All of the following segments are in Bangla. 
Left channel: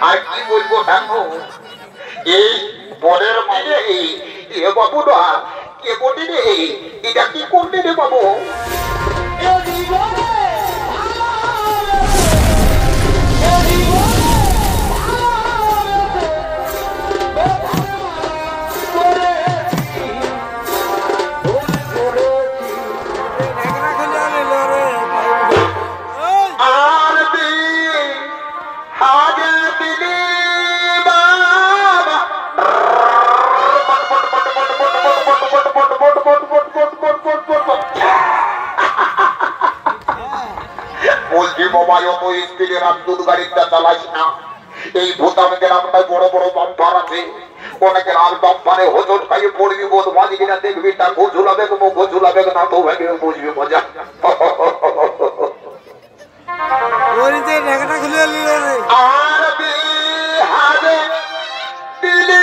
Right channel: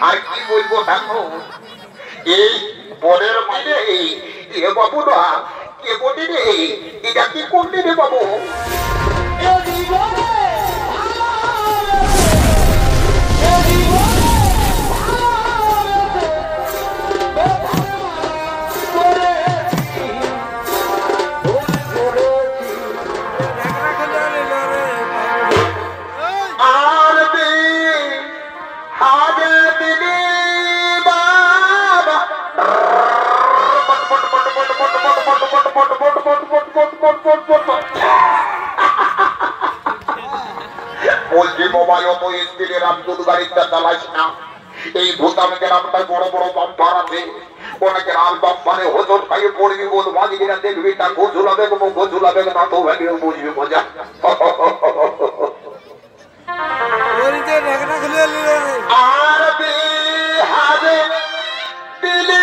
আর কি বলবো দেখো এই বরের মানে এ বাবু না কে বলি রে এটা কি করলি রে বাবু বলছি বাবা অত স্পিডে রামদুত গাড়িটা চালাইস না এই ভূতাম গ্রামটায় বড় বড় বাম্পার আছে অনেকে আর বাম্পারে হোজর খাইয়ে পড়বি বোধ মাঝে কিনা দেখবি তা গোঝুলাবে গোঝুলাবে না তো ভেঙে বুঝবি মজা আর বিহারে দিলি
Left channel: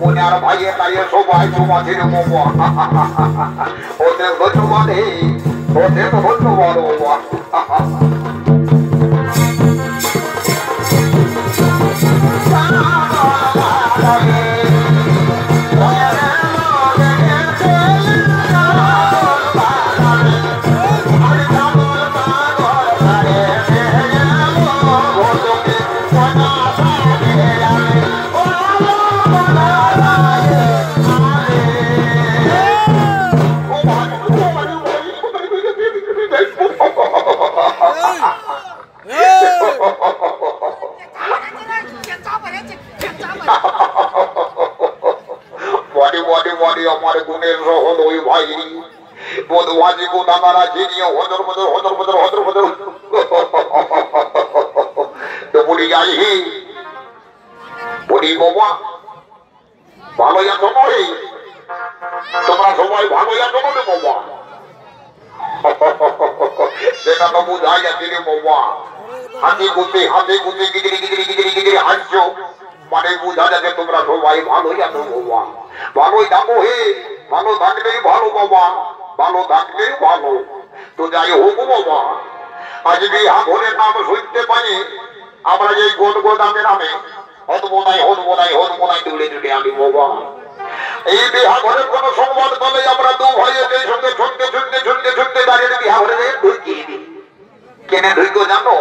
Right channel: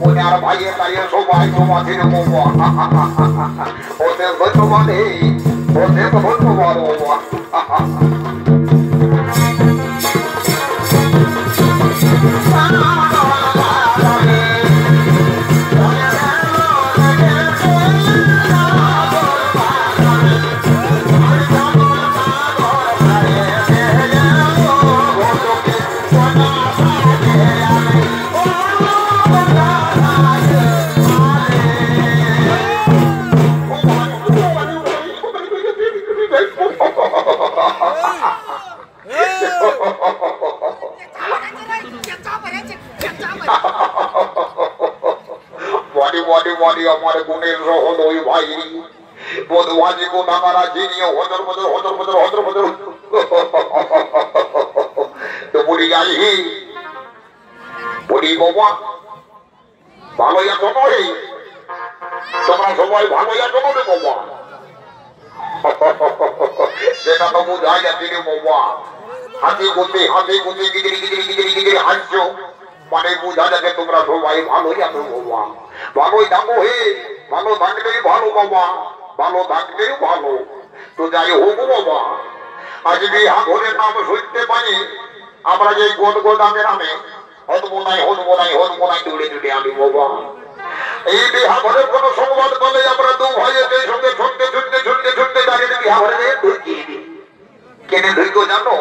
Punya bahaya saya sobai semua tidak mau. Hotel betul mana? Hotel betul mana? Wadi हमारे गुनेर रहो दोई भाई वो दुआजी को नामारा जीनियो होदर होदर तो बोली आई ही ওরে বাবা ভালোই আছো নয় তোমরা সবাই ভালোই আছো না রে বাবা সেটা তো বোঝাই যাচ্ছে রে বাবা হাতে গুতে গিগিরি গিগিরি গিগিরি গিগিরি হাসছো মানে বোঝা যাচ্ছে তোমরা সবাই ভালোই আছো বাবা ভালোই থাকো হে ভালো থাকলেই ভালো বাবা ভালো থাকলেই ভালো তো যাই হোক বাবা আজ বিহা ঘরের নাম শুনতে পাই আমরা যে গোল গোল নামে নামে হত বোনাই দৌড়ে আনি বাবা এই বিহা ঘরের কোন সংবাদ বলে আমরা দু ভাইয়ের সঙ্গে শুনতে দাঁড়িয়ে বিহা ঘরে ঢুকিয়ে দিই কেন ঢুকো জানো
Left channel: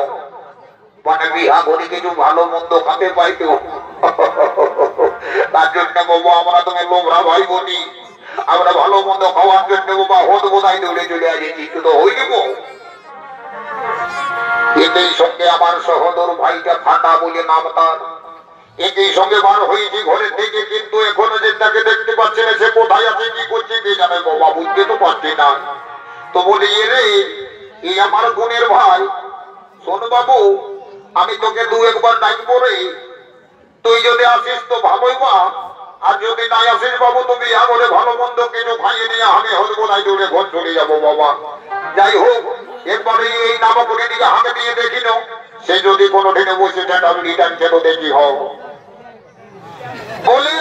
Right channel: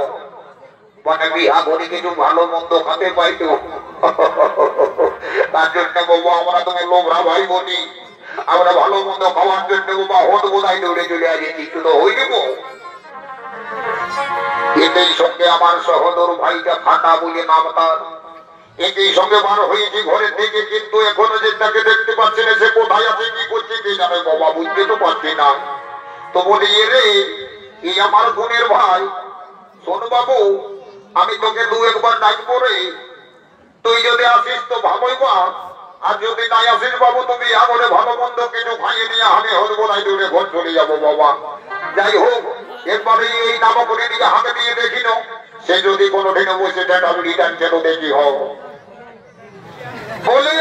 মানে বিহা ঘরে কিছু ভালো মন্দ খাতে পাইতো তার জন্য বাবা আমরা তুমি লোভরা ভাই বলি আমরা ভালো মন্দ খাওয়ার জন্য বাবা হত বোনাই দৌড়ে চলে আসি তো হয়ে যাবো এতেই সঙ্গে আমার সহোদর ভাইটা ফাটা বলে নাম তার একই সঙ্গে বার হয়েছি ঘরের থেকে কিন্তু এখনো যে তাকে দেখতে পাচ্ছি না সে কোথায় আছে কি করছে কে জানে বাবা বুঝতে তো পারছি না তো বলি রে এই আমার বোনের ভাই শোন বাবু আমি তোকে দু একবার ডাকবো রে তুই যদি আসিস তো ভালোই বা আর যদি নাই আসিস বাবু তুমি আমরে ভালো মন্দ কিছু খাইয়ে নিয়ে আমি হরবো নাই দৌড়ে ঘর চলে যাবো বাবা যাই হোক এরপরে এই নামকরে দিকে হাতে দিয়ে দেখিল সে যদি কোনো দিনে বসে দেন আমি রিটার্ন কেন দেখি হোক বলে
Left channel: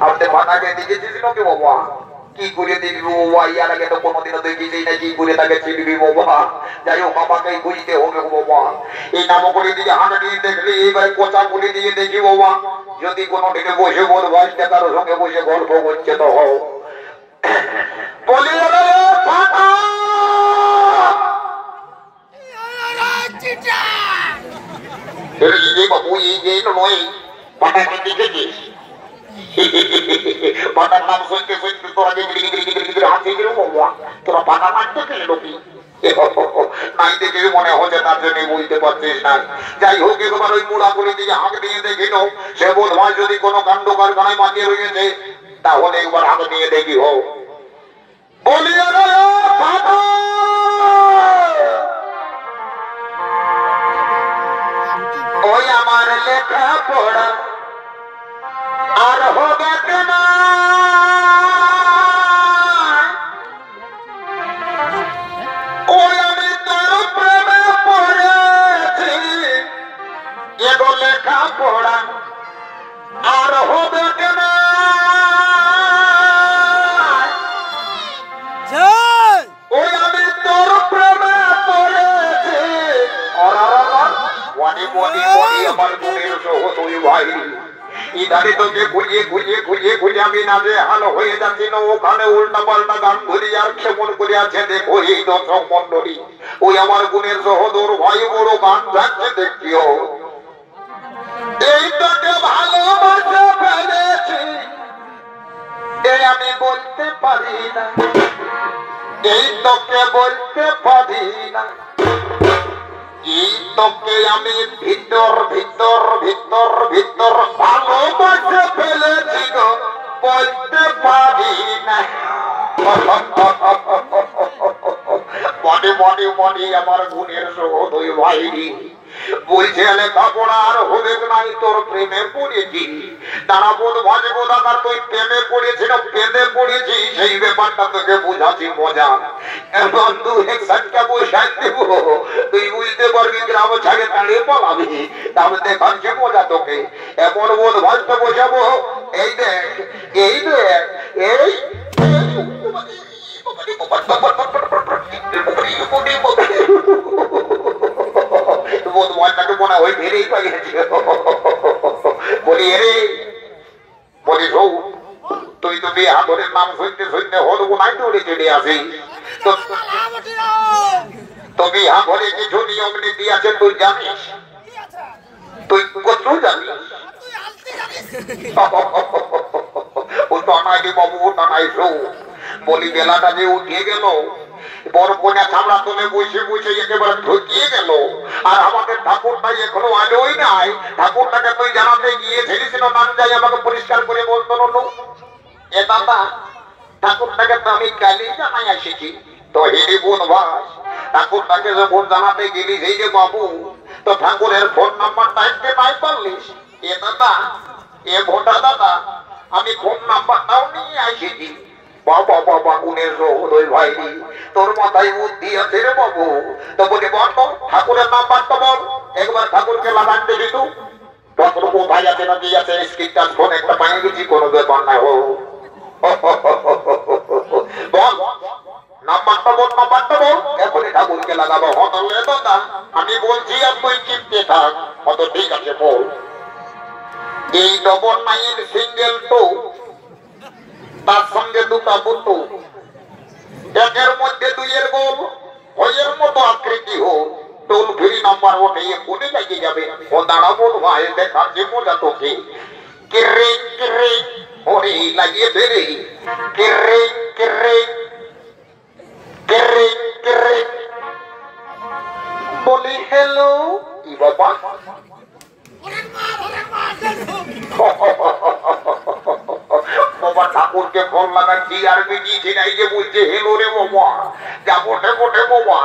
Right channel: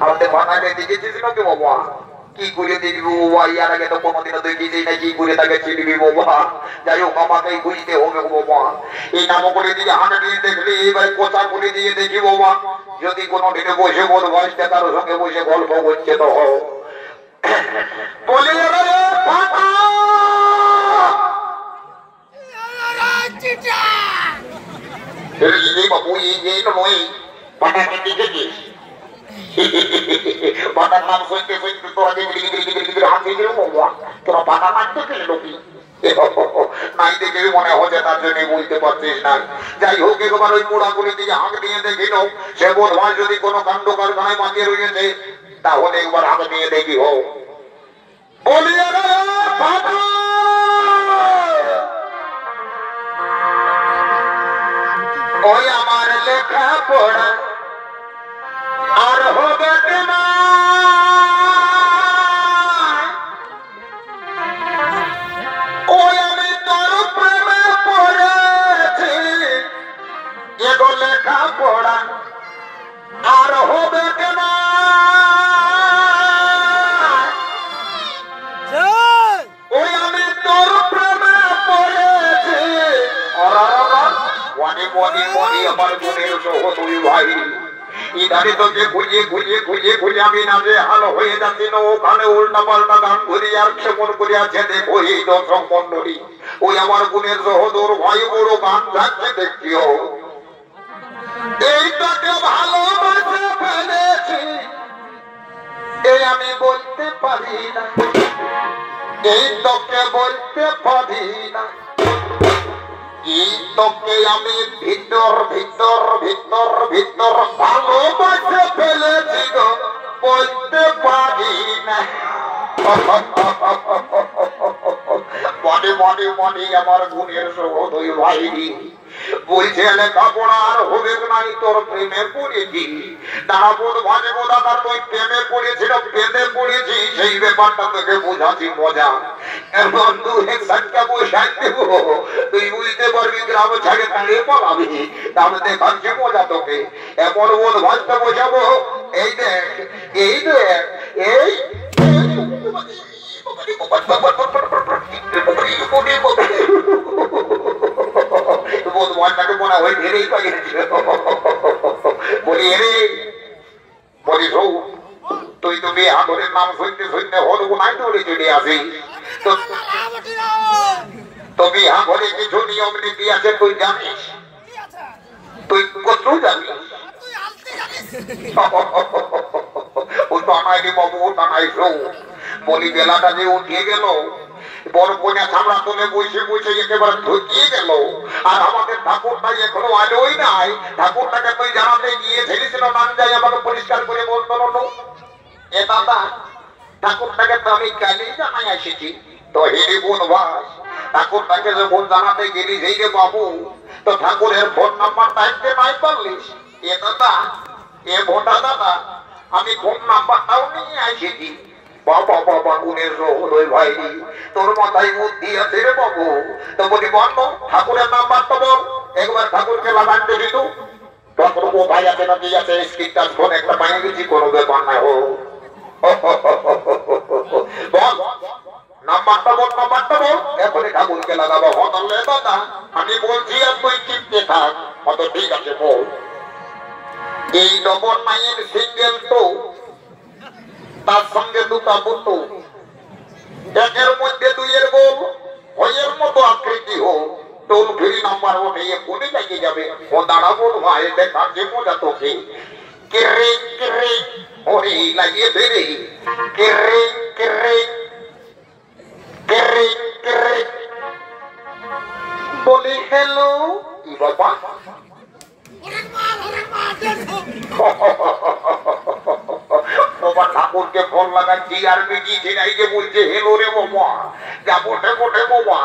আমাদের বানাকে দেখেছিস নাকি বাবা কি করে দেখবি বাবা ইয়ার আগে তো কোনোদিনও দেখেছি না কি করে তাকে চিনবি বাবা যাই হোক আমাকে বুঝতে হবে বাবা এই নামকরে দিকে হাতে দিয়ে দেখলি এবার কোচা করে দিয়ে দেখি বাবা যদি কোনো দিনে বসে বল ভাইটা কারোর সঙ্গে বসে গল্প করছে তো হোক বলি বাবু এই তো নয় পাটাকে দেখেছিস পাটার নাম শুনতে তোরা হাতে গেল বাবা তোরা পাটা মারতে গেলে লোকি নাই দেখে মনে হচ্ছে তার জন্য বলতে পারছিস না যাই হোক একবার ওই মুড়াগুলি দিকে হাঁক দিয়ে দেখিল সে বোধ হয় যদি কোনো কাণ্ড কারখানায় মাতিয়ে রয়েছে তাহলে একবার হাঁক দিয়ে দেখি হোক বলিয়া ওই আমার লেখা পড়া আর হবে না ওই আমি তোর প্রেমে পড়েছি এগো লেখা পড়া আর হবে না ওই আমি তোর প্রেমে পড়েছি মনি আমার মনের সহোদরী ভাই ইধারে তোকে খুঁজে আমি না যে হালো হয়ে যাচ্ছি না ওখানে উল্টা পাল্টা গান ঘুরি আর ক্ষেপণ করিয়াছে দেখো এই দর্শক মন্ডলী ওই আমার গুণের সহোদর ভাই বড় গান যাচ্ছে দেখিও এই তোকে ভালোবাসা ফেলেছি এই আমি বলতে পারি না এই তোকে বলতে পারি না এই তোকে আমি ভিতর ভালোবাসা ফেলেছি গো বলতে পারি না মনে আমার গুণের সহোদরী ভাই বলছে লেখাপড়া আর হবে নাই তোর প্রেমে পড়েছি তারা বোধ ভাজে বোধ আমার তুই প্রেমে পড়েছিল প্রেমে পড়েছি সেই ব্যাপারটা তোকে বোঝাচ্ছি মজা এমন দু এক সাতটা বসাই দেবো তুই বুঝতে পারবি গ্রাম ছাড়ে দাঁড়িয়ে পালাবি তাহলে দেখাচ্ছি মজা তোকে এমন বোধ ভাজটা বসাবো এই দেখ এই মনে হয় ভেবেই পাইছে বলি রে বলি সৌ তুই তো বিয়ে হাতের নাম শুনতে হলবো নাই দৌড়ে চলে আসি তো বিহা ঘরে কিছু নিয়ম নীতি আছে তুই জানিস তুই কত জানিস ও টানাই বাবু টানাই সৌ বলি বেলাটা যে উঠিয়ে গেল বড় কোনা ছামড়া তুলে বসে একেবারে ঢুকিয়ে গেল আর আমাদের ঠাকুরটাই এখনো আলোই নাই ঠাকুরটাকে তুই জানাতে গিয়ে ছেড়েছিল নাম যাই আমাকে পরিষ্কার করে বলতো এ দাদা ঠাকুরটাকে তো আমি কালই জানাই এসেছি। তো হেরি বোন ভাই, ঠাকুরটাকে যখন জানাতে গেলি সেই রে বাবু, তো ঠাকুরের ফোন নাম্বারটা একটু নাই পারলিস? এ দাদা, এ ভোটা দাদা, আমি ফোন নাম্বারটাও নিয়ে এসেছি। বাবা বাবা গুণের রোদয় ভাই, তোর মাথায় বুদ্ধি আছে রে বাবু। তো বলি বল ঠাকুরের নাম্বারটা বল, একবার ঠাকুরকে লাগান দিবি তো। ঠাকুর কোথায় আছে না কি আছে, স্ক্রিন ফোন একটা পাই গেছি, কোনো ব্যাপার নাই। ও বল নাম্বারটা বল, নাম্বারটা বল, এখনই ঠাকুরকে লাগাবো। হতলে দাদা আমি বলছি আর তুই চিনতে থাক। হত ঠিক আছে বল। 399 সিঙ্গেল টু, তার সঙ্গে দুটা বুটু, একের মধ্যে দুইয়ের গোল, হইয়ের মতো আকৃতি হোক, টোল ফ্রি নাম্বার ওঠে এক্ষুনি লাগিয়ে যাবে। ও দাঁড়া বল ভাই, দেখার যে মজা তোকে। কেরে কেরে ওরে লাগিয়ে ফেরে, কেরে কেরে কেরে কেরে বলি হ্যালো। ই বাবা বাবা ঠাকুরকে ফোন লাগাচ্ছি আর বেটি ছেড়াই যে বলছে হেলো রে বাবা। যা বটে বটে বাবা,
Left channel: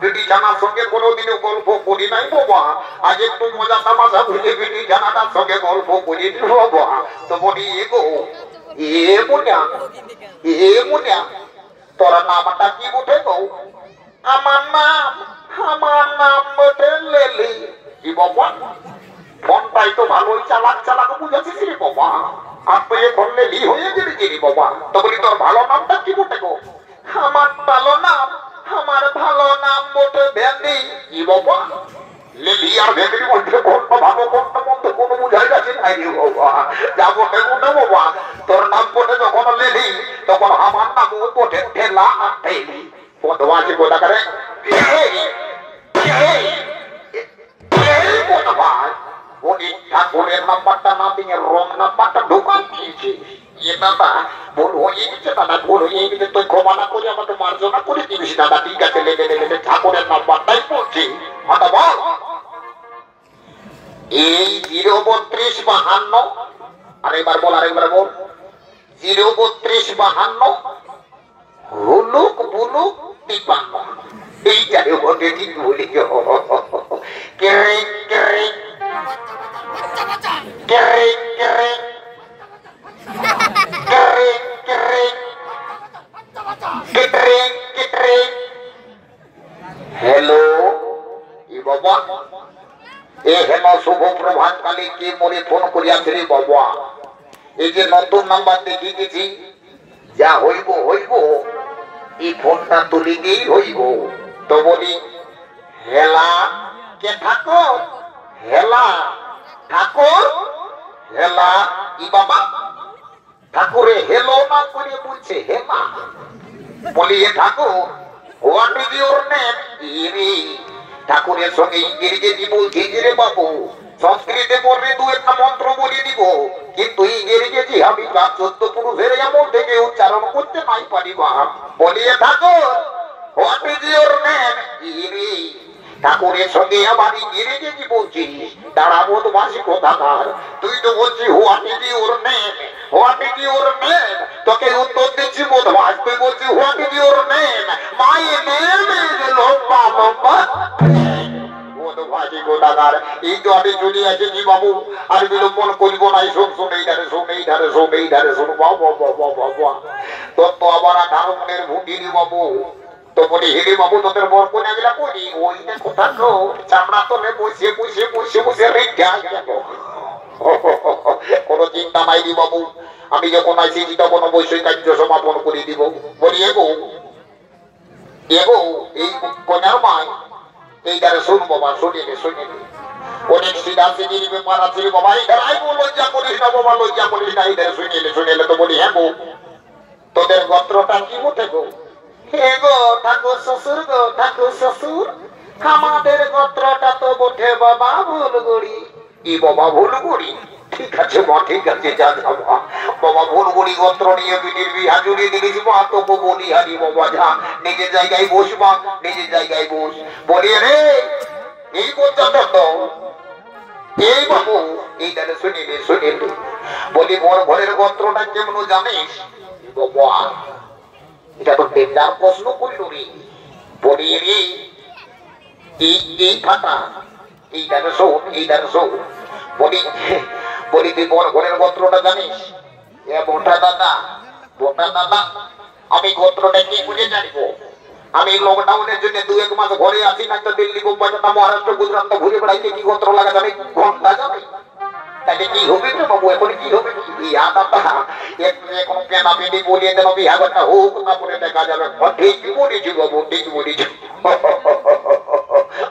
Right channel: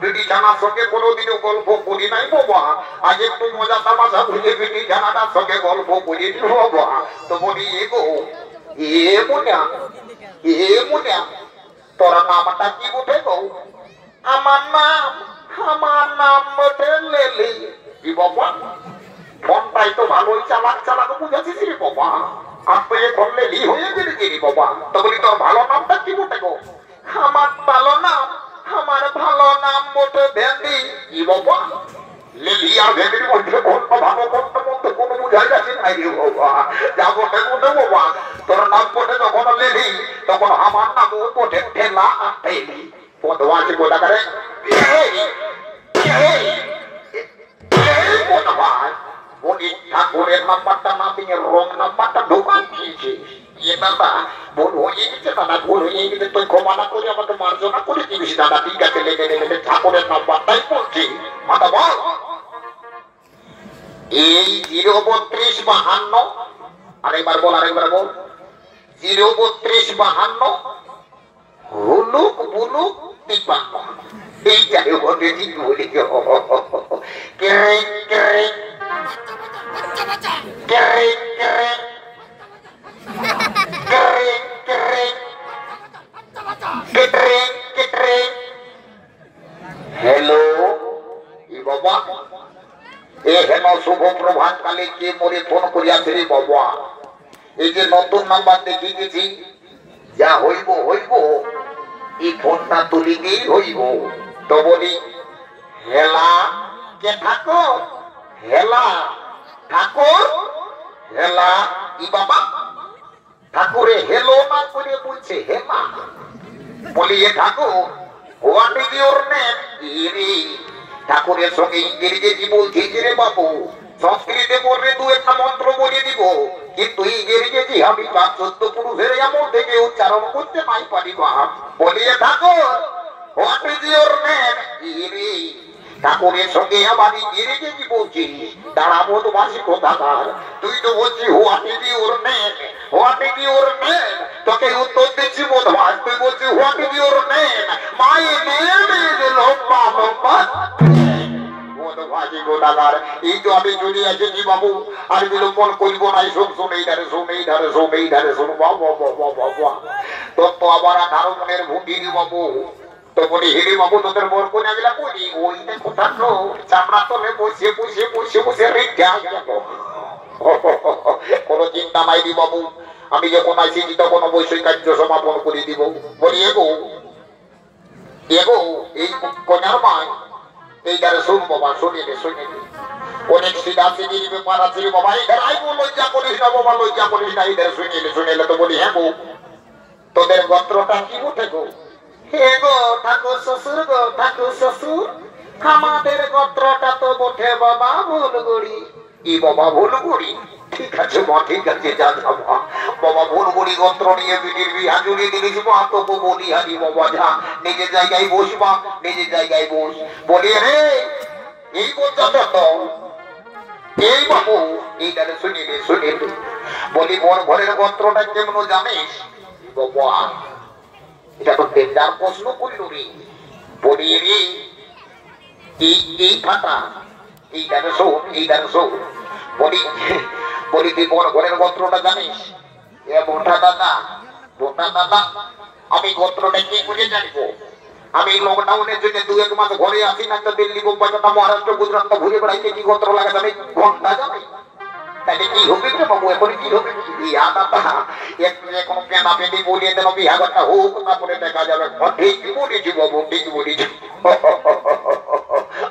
বেটি জানার সঙ্গে কোনোদিনও গল্প করি নাই বাবা। আজ একটু মজা তামাশা বুঝে বেটি জানাটার সঙ্গে গল্প করি বাবা। তো বলি এগো এ মুনিয়া, এ মুনিয়া, তোর নামটা কি বটে গো? আমার নাম বটে লেলি। কি বাবা, ফোনটাই তো ভালোই চালাক চালাক বুঝেছিস রে বাবা। আর তুই এখন লেলি হয়ে গেলি রে বাবা। তো বলি তোর ভালো নামটা কি বটে গো? আমার ভালো নাম বটে ভেন্ডি। কি বাবা, লেলি আর ভেন্ডির মধ্যে কোনটা ভালো কোনটা মন্দ কোনো বুঝাই যাচ্ছে নাই রে বাবা। যা বটে বটে বাবা, তোর নাম বটে যখন লেলি, তখন আমার নাম বটে ঠেলা আর ঠেলি। বদমাশি গোটা করে ঠাকুরের নাম্বারটা না দিয়ে রং নাম্বারটা ঢোকান দিয়েছে। এ দাদা ভুল হয়ে গেছে, দাদা ভুল হয়ে গেছে, তুই ক্ষমা না করে আমাকে মার্জনা করে দিবি দাদা। ঠিক আছে, লেগে লেগে ঠাকুরের নাম্বারটাই বলছি। মাথা বল এই 03252, আরেকবার বল, আরেকবার বল। 03252 হুলুক বুলুক 53। এই যাই বলে ঠিক বলি। কেরে কেরে কেরে কেরে কেরে কেরে কেটরে কেটরে। হ্যালো ই বাবা, এ হেন শুভ প্রভাত কালে কে মরে ফোন করিয়াছে রে বাবা। এই যে নতুন নাম্বার দেখি গেছি, যা হইব হইব, এই ফোনটা তুলিতেই হইব। তো বলি হেলা কে ঠাকুর, হেলা ঠাকুর, হেলা ই বাবা। ঠাকুরে হেলো না করে বলছে হেলা। বলি এ ঠাকুর, হোয়াট ইজ ইউর নেম? ইরে ঠাকুরের সঙ্গে ইংরেজি বলছি রে বাবু। সংস্কৃতে বললে দু একটা মন্ত্র বলে দিব, কিন্তু ইংরেজি আমি ক্লাস 14 পুরুষের এমন থেকে উচ্চারণ করতে নাই পারি। বলি এ ঠাকুর, হোয়াট ইজ ইউর নেম? ইরে ঠাকুরের সঙ্গে আবার ইংরেজি বলছি। দাঁড়াবো তো বাসি কোথাকার, তুই তো বলছি what is your name, what is your name. তোকে উত্তর দিচ্ছি বোধবাস, তুই বলছি what is your name? My name is লম্বা লম্বা। এই তো আমি চলে এসেছি বাবু, আর বিলম্বন করব নাই। শোন শোন এই ধারে শোন, এই ধারে শোন, এই ধারে শোন। বাবা বাবা বাবা, তোর তো আবার 18 মনের ভুঁটি বাবু। তো বলি হেরে বাবু, তোদের বর কোনে গেলা করি? ওইটা কোথা তো চামড়া তোলে বসে বসে বসে বসে রেখে গেল। কোনো চিন্তা নাই রে বাবু, আমি যখন আসি তখন অবশ্যই কার্য সমাপন করে দিব। বলি এগো এগো এই কন্যার মায়, এই ধারে শুন বাবা, শুনিলে শুনিলে অনেক সিধা সিধির ব্যাপার আছে বাবা। এই ধারে আইবো, লজ্জা করিস না বাবা, লজ্জা করিস না। এই ধারে শুনিলে শুনিলে। তো বলি হ্যাঁ গো, তোদের গোত্রটা কি উঠে গো? হে গো ঠাকুর শ্বশুর, গো ঠাকুর শ্বশুর, আমাদের গোত্রটা তো বটে বাবা ভুলগুড়ি। কি বাবা ভুলগুড়ি? ঠিক আছে মা, ঠিক আছে, যা বাবা। বাবা ভুলগুড়ি গোত্র নিয়ে পিটির বিহা জুড়ে দিয়েছি মা। তো বলি হারি বাবা, যা নিজের জায়গায় বসবা, নিজের জায়গায় বস। বলি রে এই পর্যন্ত তো এই বাবু, এই তাহলে শুনিলে শুনিলে। বলি মোর ঘরের গোত্রটা কেমন জানিস বাবা? যার প্রশ্ন করিল রে বলি রে এই ফাটা এই দেখো বলি বলি তুই বড় ঘরের গোত্রটা জানিস? এ মোটা দাদা আমি গোত্রটা কি বুঝে জানবো? আমি লকডাউনের জন্য 2-1 মাস ঘরে আছি না, তো দিল্লি বোম্বাইটা মহারাষ্ট্র গুজরাট তো ঘুরে বেড়াইতে কি গোত্র লাগা যাবে ঘন্টা যাবে তাকে কি হবে রে বাবু? এখন কি হবে? এখন কেনা পেটি বলিয়ে দেন বিহারটা হোক না বলে দেখা যাবে। ঠিক বলেছি বাবু, ঠিক বলেছি।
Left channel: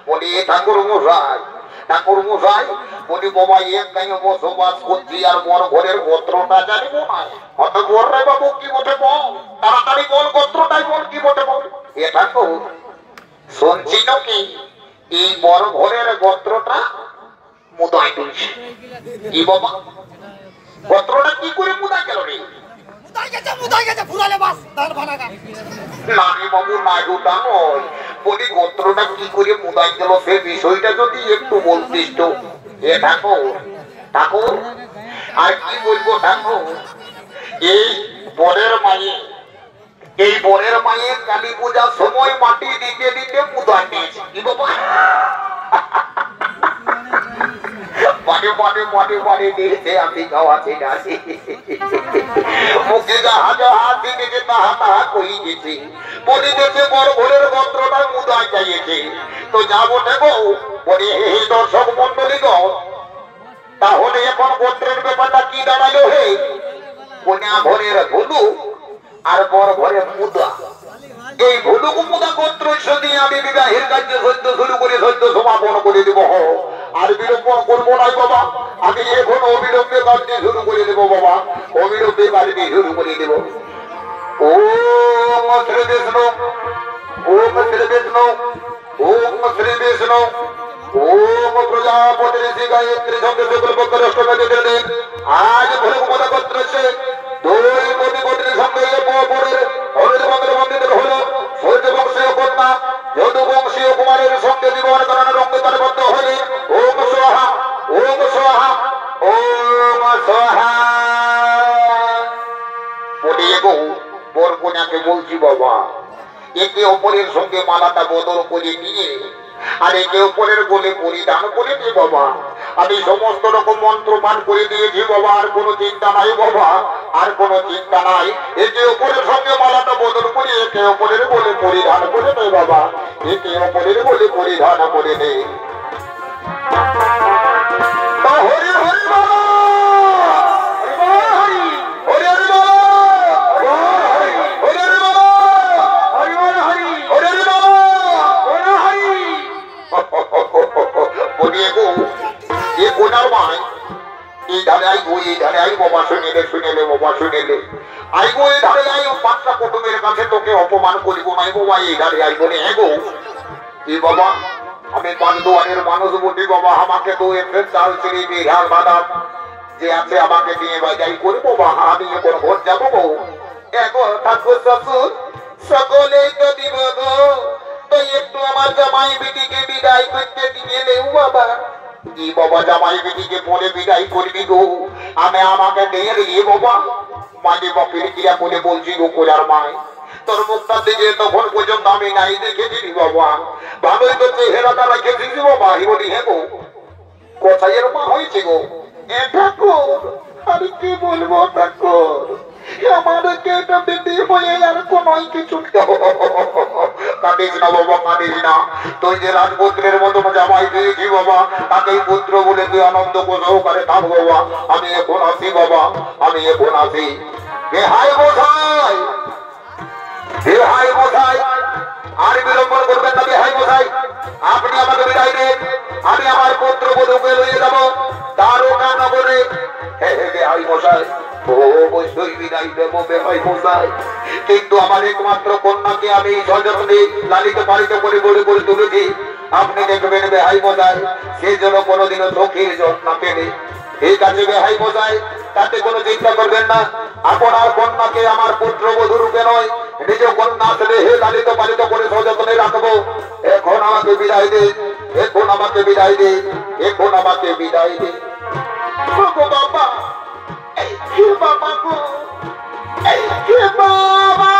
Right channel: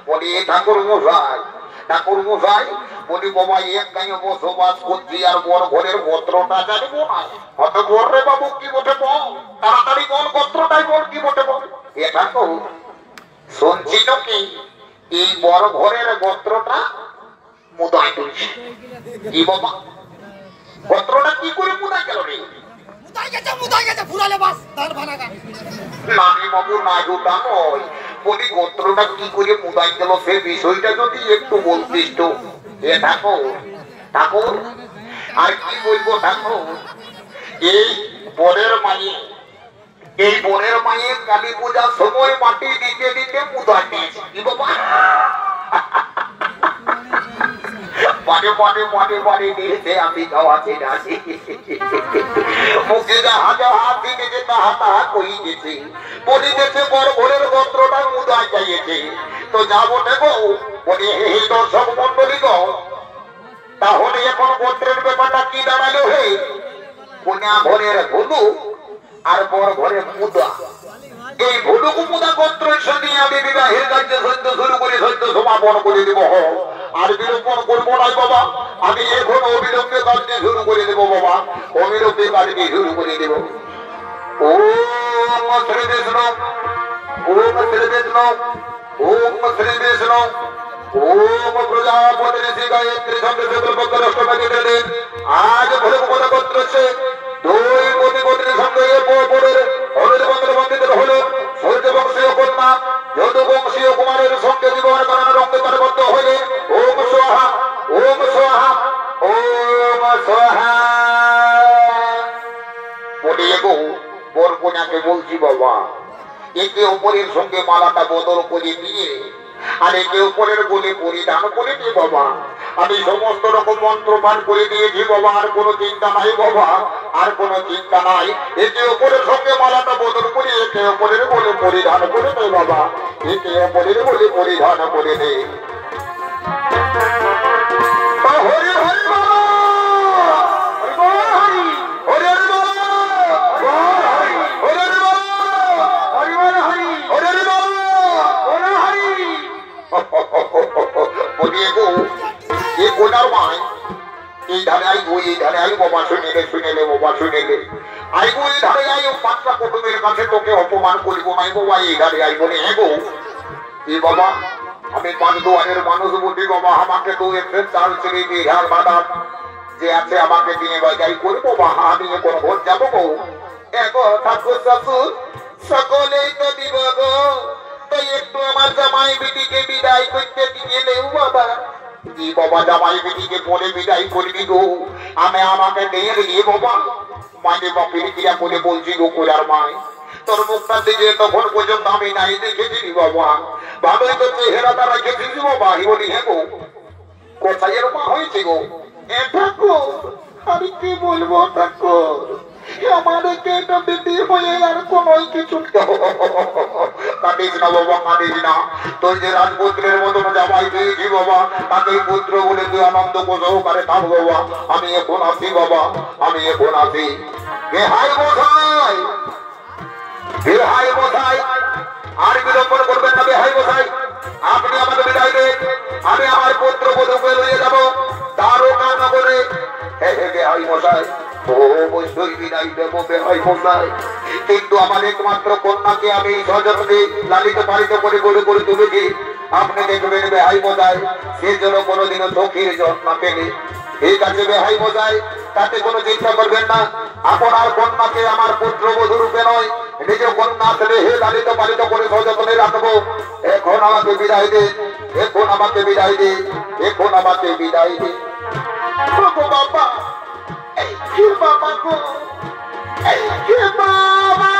বলি ঠাকুর মশাই বলি বাবা এক গায়ে বসবাস করছি আর বড় ঘরের গোত্রটা জানিব না। হয়তো বল রে বাবু কি বটে বল, তাড়াতাড়ি বল গোত্রটাই বল কি বটে বল। এটা তো শুনছিল কি এই বড় ঘরের গোত্রটা মুদাই তুলছে। কি বাবা গোত্রটা কি করে মুদাই গেল রে? বলি গোত্রটা কি করে মুদাই গেল সে বিষয়টা যদি একটু বলতিস তো। এ ঠাকুর আর কি বলবো ঠাকুর, এই বনের মায়ের কালী পূজার সময় মাটি দিতে দিতে মুদাই নিয়েছে। কি বাবা পরে দিয়েছে আমি খাওয়াতে আসি মুখে হাত দিকে তাহা কই গেছে বলি গেছে বড় ঘরের গোত্রটা মুদাই চাইয়েছে। তো যাবো নেবো বলে হে দর্শক মন্ডলী গো, তাহলে এখন গোত্রের ব্যাপারটা কি দাঁড়ালো? হে কোনা ঘরের ভুলু আর বড় ঘরের মুদা, এই ভুলুকু মুদা গোত্র দিয়ে আমি বিবাহের কার্য সত্য শুরু করে সত্য সমাপন করে দেব। আর বিলম্বন করবো নাই বাবা, আমি এখন অবিলম্বে কাজটি শুরু করে দেবো বাবা, অবিলম্বে কাজটি শুরু করে দেব। ওম শ্রী বিষ্ণু ওম শ্রী বিষ্ণু ওম শ্রী বিষ্ণু ওম প্রজাপতি ঋষি গায়ত্রী ছন্দে সকল অষ্টপতি দেন। আজ ভোলে মনে করতেছে দুই কোটি কোটি সঙ্গে হরিদ মন্দির মন্দির হল সূর্য বংশীয় কন্যা যদু বংশীয় কুমারের সঙ্গে জীবন কারণের অঙ্গে তারবদ্ধ হইলেন। ওম সোহা ওম সোহা ওম সোহা বলি গো বর কন্যাকে বলছি বাবা, একে অপরের সঙ্গে মালাটা বদল করে নিয়ে আর একে অপরের গোলে পরিধান করে দিয়ে বাবা আমি সমস্ত রকম মন্ত্র পাঠ করে দিয়েছি বাবা। আর কোনো চিন্তা নাই বাবা, আর কোনো চিন্তা নাই। একে অপরের সঙ্গে মালাটা বদল করে একে অপরের গোলে পরিধান করে দে বাবা, একে অপরের গোলে পরিধান করে দে। হরি হরি বাবা তোকে অপমান করিব নাই বাবা, এই ধারে আই বলে হ্যাঁ গো এ বাবা আমি পাঁচ দুয়ারের মানুষ বলি বাবা, আমাকে তো এফের চাল ছিলি বিহার বাদাম যে আছে আমাকে দিয়ে বাজাই করবো বা আমি কোন ভোট যাবো গো। এগো ঠাকুর শ্বশুর সকলেই তো দিব গো, তো একটু আমার জামাই বিটিকে বিদায় করতে দিলে বাবা। কি বাবা জামাই বিটিকে বলে বিদায় করবি গো? আমি আমাকে নিয়ে গিয়ে বাবা মাঝে বাপির ক্রিয়া করে বলছি গো কোলার মায় তোর মুখটা দিকে তখন পর্যন্ত আমি নাই দেখেছি বাবা, ভালোই তো চেহারাটা রেখেছিস বাবা। বলি হ্যাঁ গো কোথায় এর মা হয়েছে গো? ঠাকুর আমি কি বলবো ঠাকুর, আমাদেরকে এটা বিধি হয়ে আর কোন কিছু কাটিস না বাবা, কাটিস না। তুই যে রাজপুত্রের মতো জামাই পেয়েছি বাবা, তাকেই পুত্র বলে তুই আনন্দ সহকারে থাক বাবা। আমি এখন আসি বাবা, আমি এখন আসি। হাই মশাই, হাই মশাই আর বিলম্বন করবেন না। হাই মশাই আপনি আমাকে বিদায় দেন, আমি আমার পুত্র বধূকে লইয়ে যাবো তারও কামনা করে। হাই মশাই অবশ্যই বিদায় দেবো বেহাই মশাই, কিন্তু আমার একমাত্র কন্যাকে আমি সযত্নে লালিত পালিত করে গড়ে গড়ে তুলেছি। আপনি দেখবেন বেহাই মশাই সেই জন্য কোনোদিনও চোখের জল না পেলে। ঠিক আছে বেহাই মশাই, তাতে কোনো চিন্তা করবেন না। আপনার কন্যাকে আমার পুত্র বধূ রূপে নয় নিজ কন্যা হে লালিত পালিত করে সযত্নে রাখবো। এখন আমাকে বিদায় দে, এখন আমাকে বিদায় দে, এখন আমাকে বিদায় দে বাবা। বাবা গো বাবা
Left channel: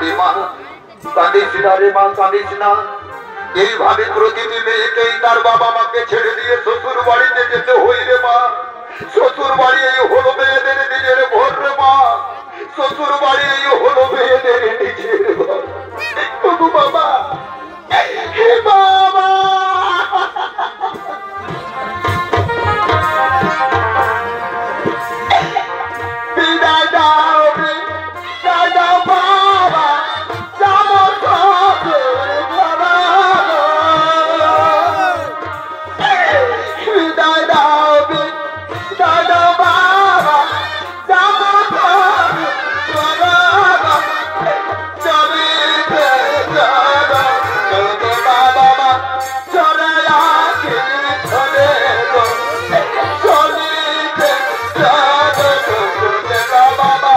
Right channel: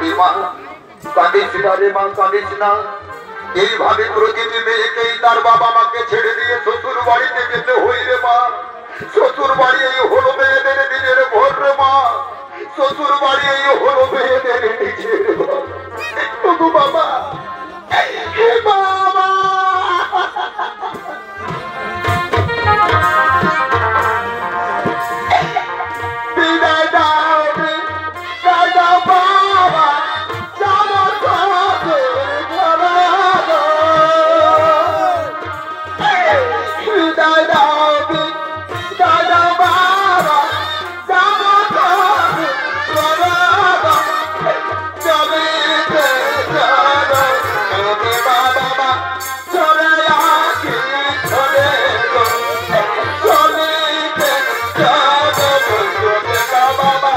করি মা, কাঁদিস না রে মা, কাঁদিস না। এইভাবে প্রতিটি মেয়েকেই তার বাবা মাকে ছেড়ে দিয়ে শ্বশুর বাড়িতে যেতে হইবে মা। শ্বশুর বাড়ি এই হলো মেয়েদের নিজের ঘর রে মা। শ্বশুর বাড়ি এই হলো মেয়েদের নিজের ঘর। ওগো বাবা, হে বাবা, বিদায় দাও, বিদায় দাও বাবা, যাবো শ্বশুর ঘরে। বিদায় দাও, বিদায় দাও বাবা, যাবো শ্বশুর ঘরে। চলিতে চলো চলো বাবা, চলে আসি চলে গো। চলিতে চলো চলো বাবা,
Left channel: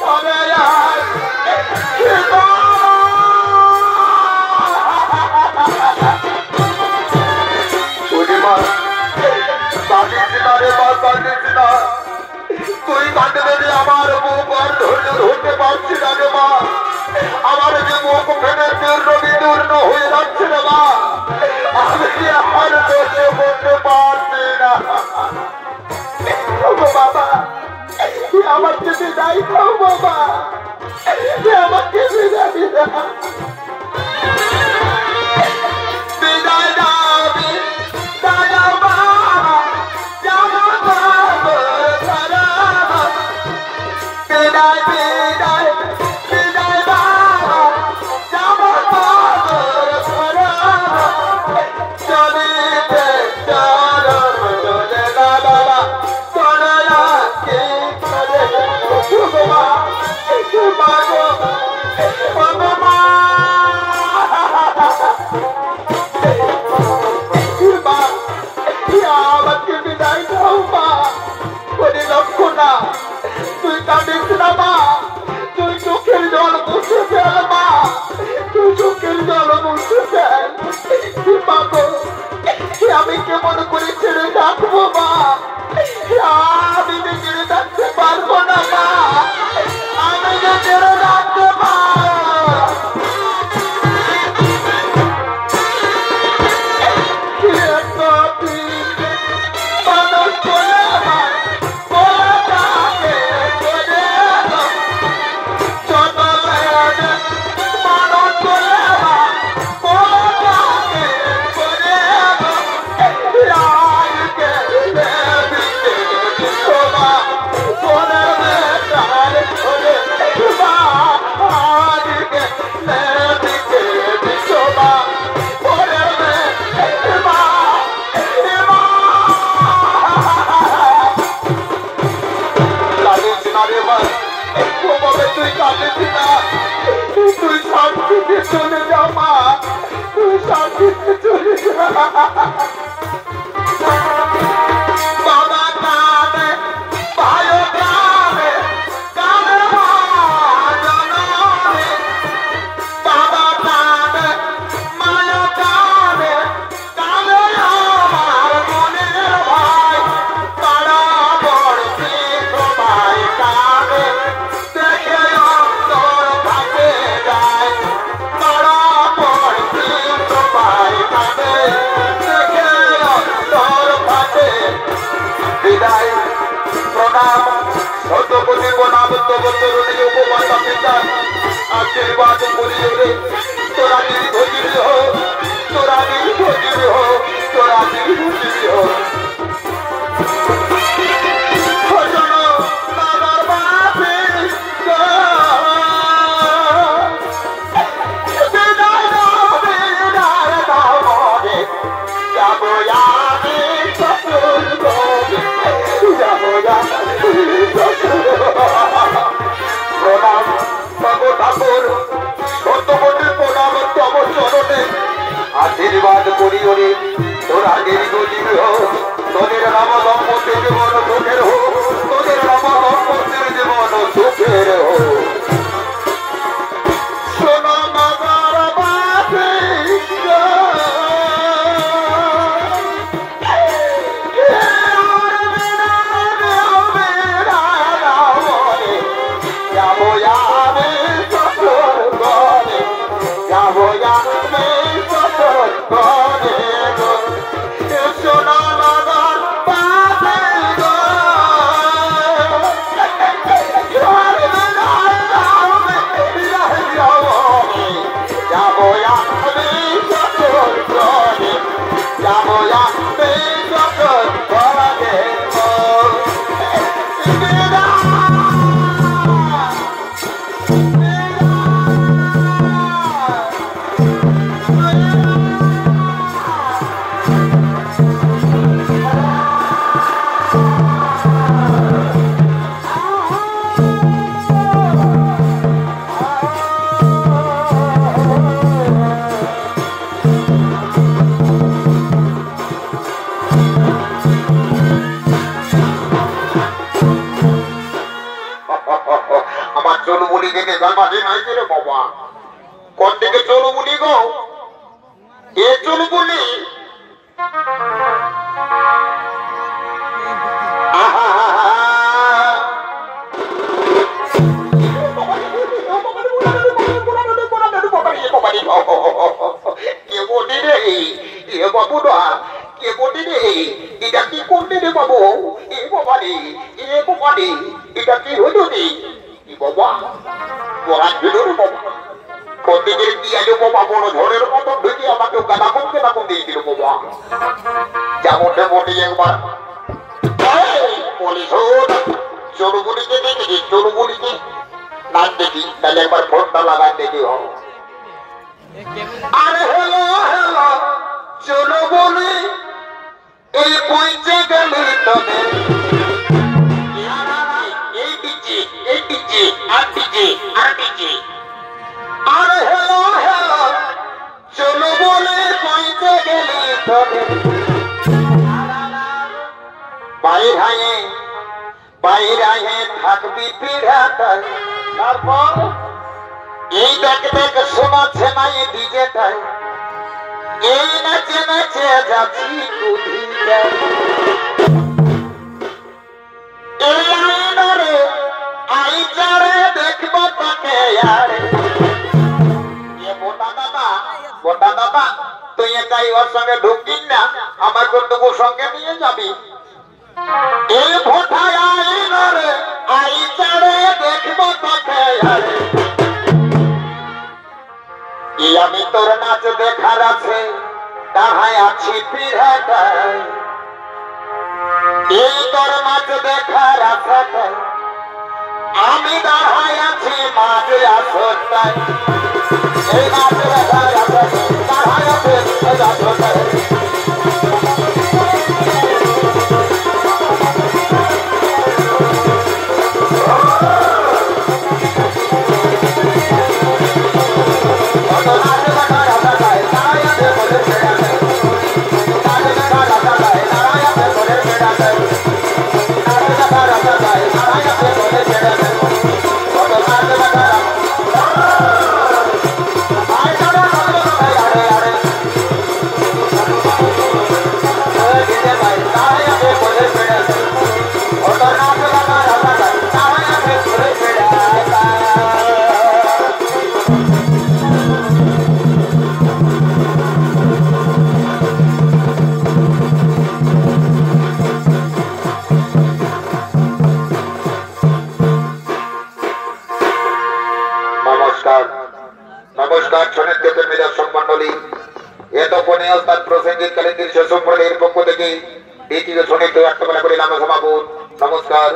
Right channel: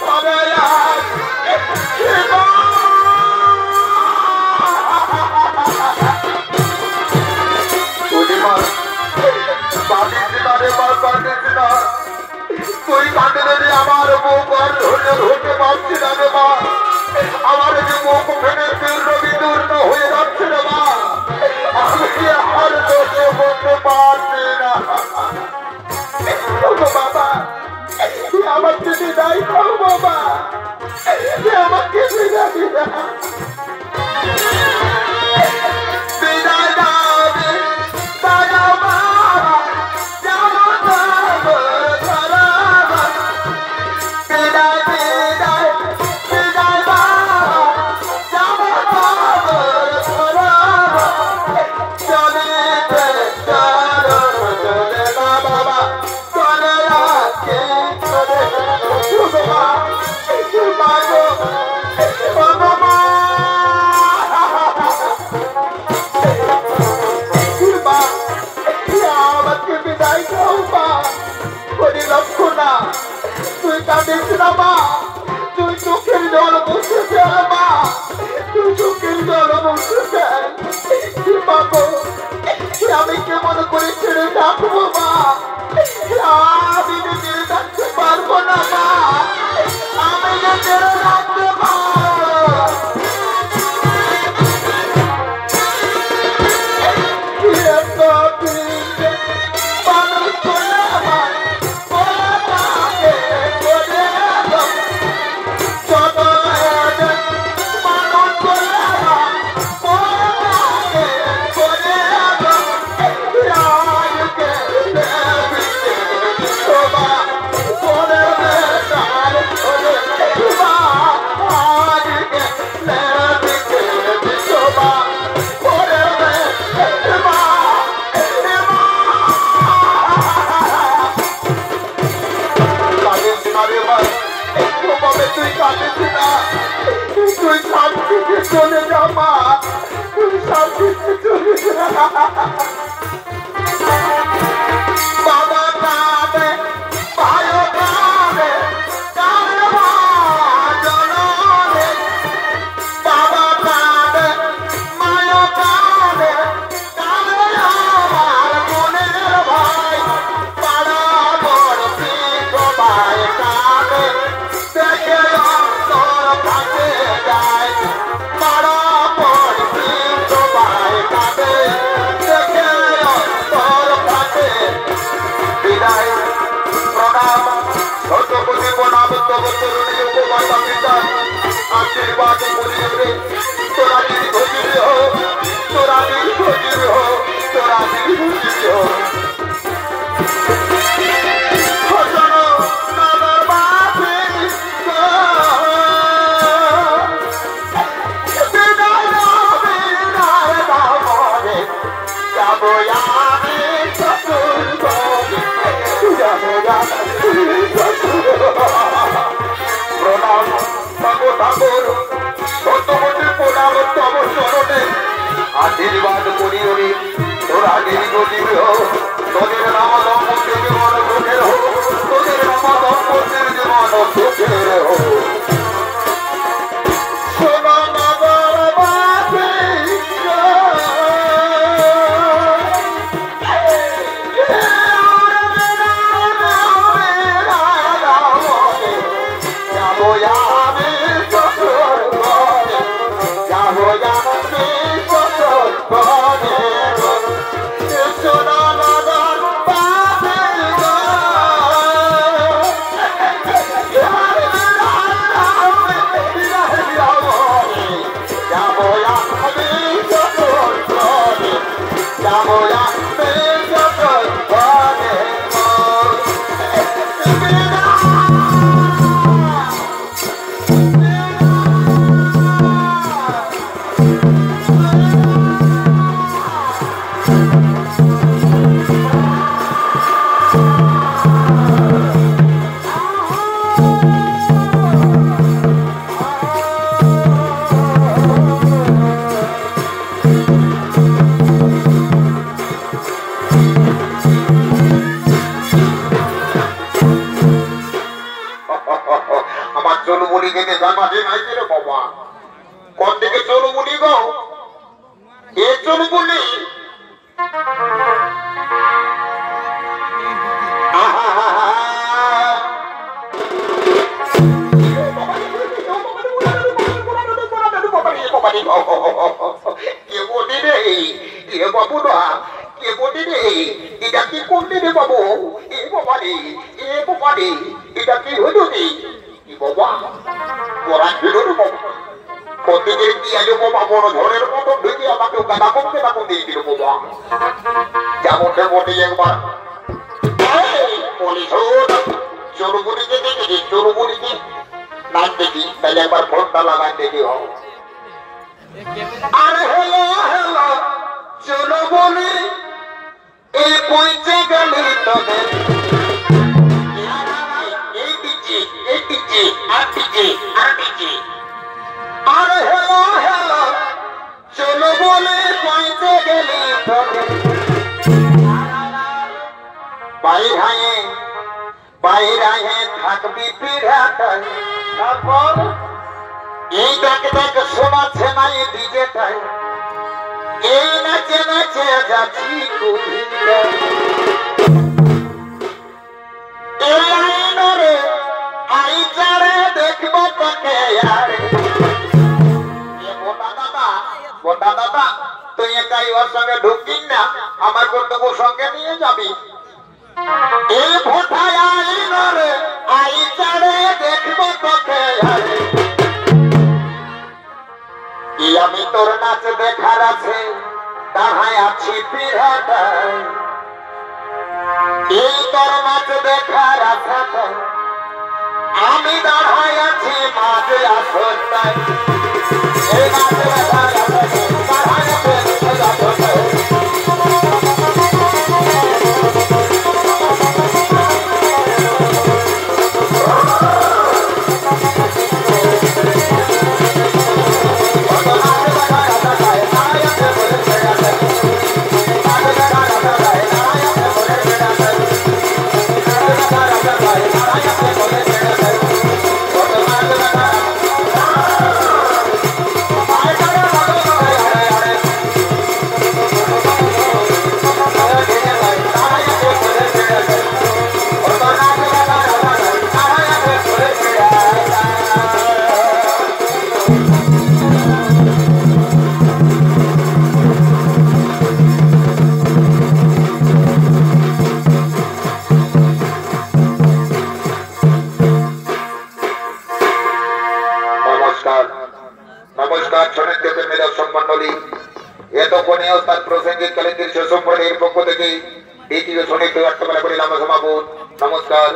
চলে আসি। কাঁদিস না রে মা, কাঁদিস না। তুই কাঁদলে রে আমার মুখ আর ধৈর্য ধরতে পারছি না রে মা। আমার যে মুখ ফেলে দূর্ণ বিদূর্ণ হয়ে যাচ্ছে রে মা। আমি আর দোষে বলতে পারছি না। বাবা, আমাকে বিদায় দাও বাবা, আমাকে বিদায় দাও। বিদায় দাও, বিদায় দাও বাবা, যাবো ঘরে। বিদায় বিদায় বিদায় বাবা, যাবো ঘরে। চলিতে চলো চলে না বাবা, চলে আসি চলে। মা গো, মা, আমাকে বিদায় দাও মা। বলি লক্ষ্মণা, তুই কাঁদিস না মা, তুই চোখের জল মুছে ফেল মা, তুই চোখের জল মুছে ফেল। মা গো, আমি কেমন করে ছেড়ে থাকবো মা? আমি যে ছেড়ে থাকতে পারবো না মা, আমি যে ছেড়ে থাকতে পারবো। মানুষ বলে আমার বলা তাকে করে চলে। মানুষ বলে আমার বলা তাকে করে রাজকে শোভা বলে তার ধরে আজকে দিকে শোভা বলে মা। তুই কাঁদিস না, তুই শান্তিতে চলে যা মা, তুই শান্তিতে চলে যা। বাবা কাঁদে, ভাইও কাঁদে, কাঁদে মা জননী। বাবা কাঁদে, মায়ও কাঁদে, কাঁদে আমার মনের ভাই। পাড়া পড়শি সবাই কাঁদে, দেখে অন্তর ফাটে যায়। পাড়া পড়শি সবাই কাঁদে, দেখে অন্তর ফাটে। বিদায় প্রণাম, শতকোটি প্রণাম তব তরুণী উপমাতা পিতা। আশীর্বাদ করিও রে, তোরা দীর্ঘজীবী হো, তোরা দীর্ঘজীবী হো, তোরা দীর্ঘজীবী হো। প্রণাম ঠাকুর, ঠাকুর শতকোটি প্রণাম তব চরণে। আশীর্বাদ করিও রে, তোরা দীর্ঘজীবী হো, তোদের নাম দম্পতির জীবন সুখের হো, তোদের নাম দম্পতির জীবন সুখের হো। জায়গা মাঝে নাই রে বাবা কোন দিকে চলো বলি গো এ চলো বলি কে বলি রে এ বাবু না কে বলি রে এটা কি করলি রে বাবু এ বাবা রে এটা কি হলো রে বাবা পড়া ছিল রে বাবা প্রত্যেকের কি আজ বাবা বড় ঝড়ের মতো ঢুকে আমাকে গাদা করতে না করতে দিল বাবা যেমনটা বলি একবার বলি চলো বলিকে দেখি চলো বলিকে নাচ দেখি তাহলে একবার ফোনটা লাগাই দেখি হোক আরে হ্যালো হ্যালো চলো বলি এই পৌঁছে গেলে তোদের এই দিচ্ছি আর দিচ্ছি আরে হ্যালো হ্যালো চলো বলে পৌঁছে গেলে তোদের বাইরে থাকবি পিড়াটাই তারপর এই দেখ শোনাচ্ছে না এই ডিজেটাই এই নাচে নাচে যাচ্ছি এই আইনরে আইচারে দেখব তোকে আরে বোটা দাদা তুই একাই ওর সঙ্গে ঢুকিস না আমার কর্তব্য সঙ্গে নিয়ে যাবি এই ভোটায় আইনরে আইচারে দেখব তোকে আরে আমি তোর নাচ দেখার আছে দাঁড়ায় আছি পিড়াটাই এই তোর নাচ দেখার আছে আমি দাঁড়ায় আছি মাঝে আসতাই এই নাচ দেখার আছে দাঁড়ায় আছে নমস্কার শোনেন থেকে মেরা সম্মানলী এতক্ষণে ওস্তাদ প্রসঙ্গিক কালেন্দ্রের শেষ সম্প্রদায়ের পক্ষ থেকে এটিকে শোনে তো একটা করে নাম সমাপন নমস্কার।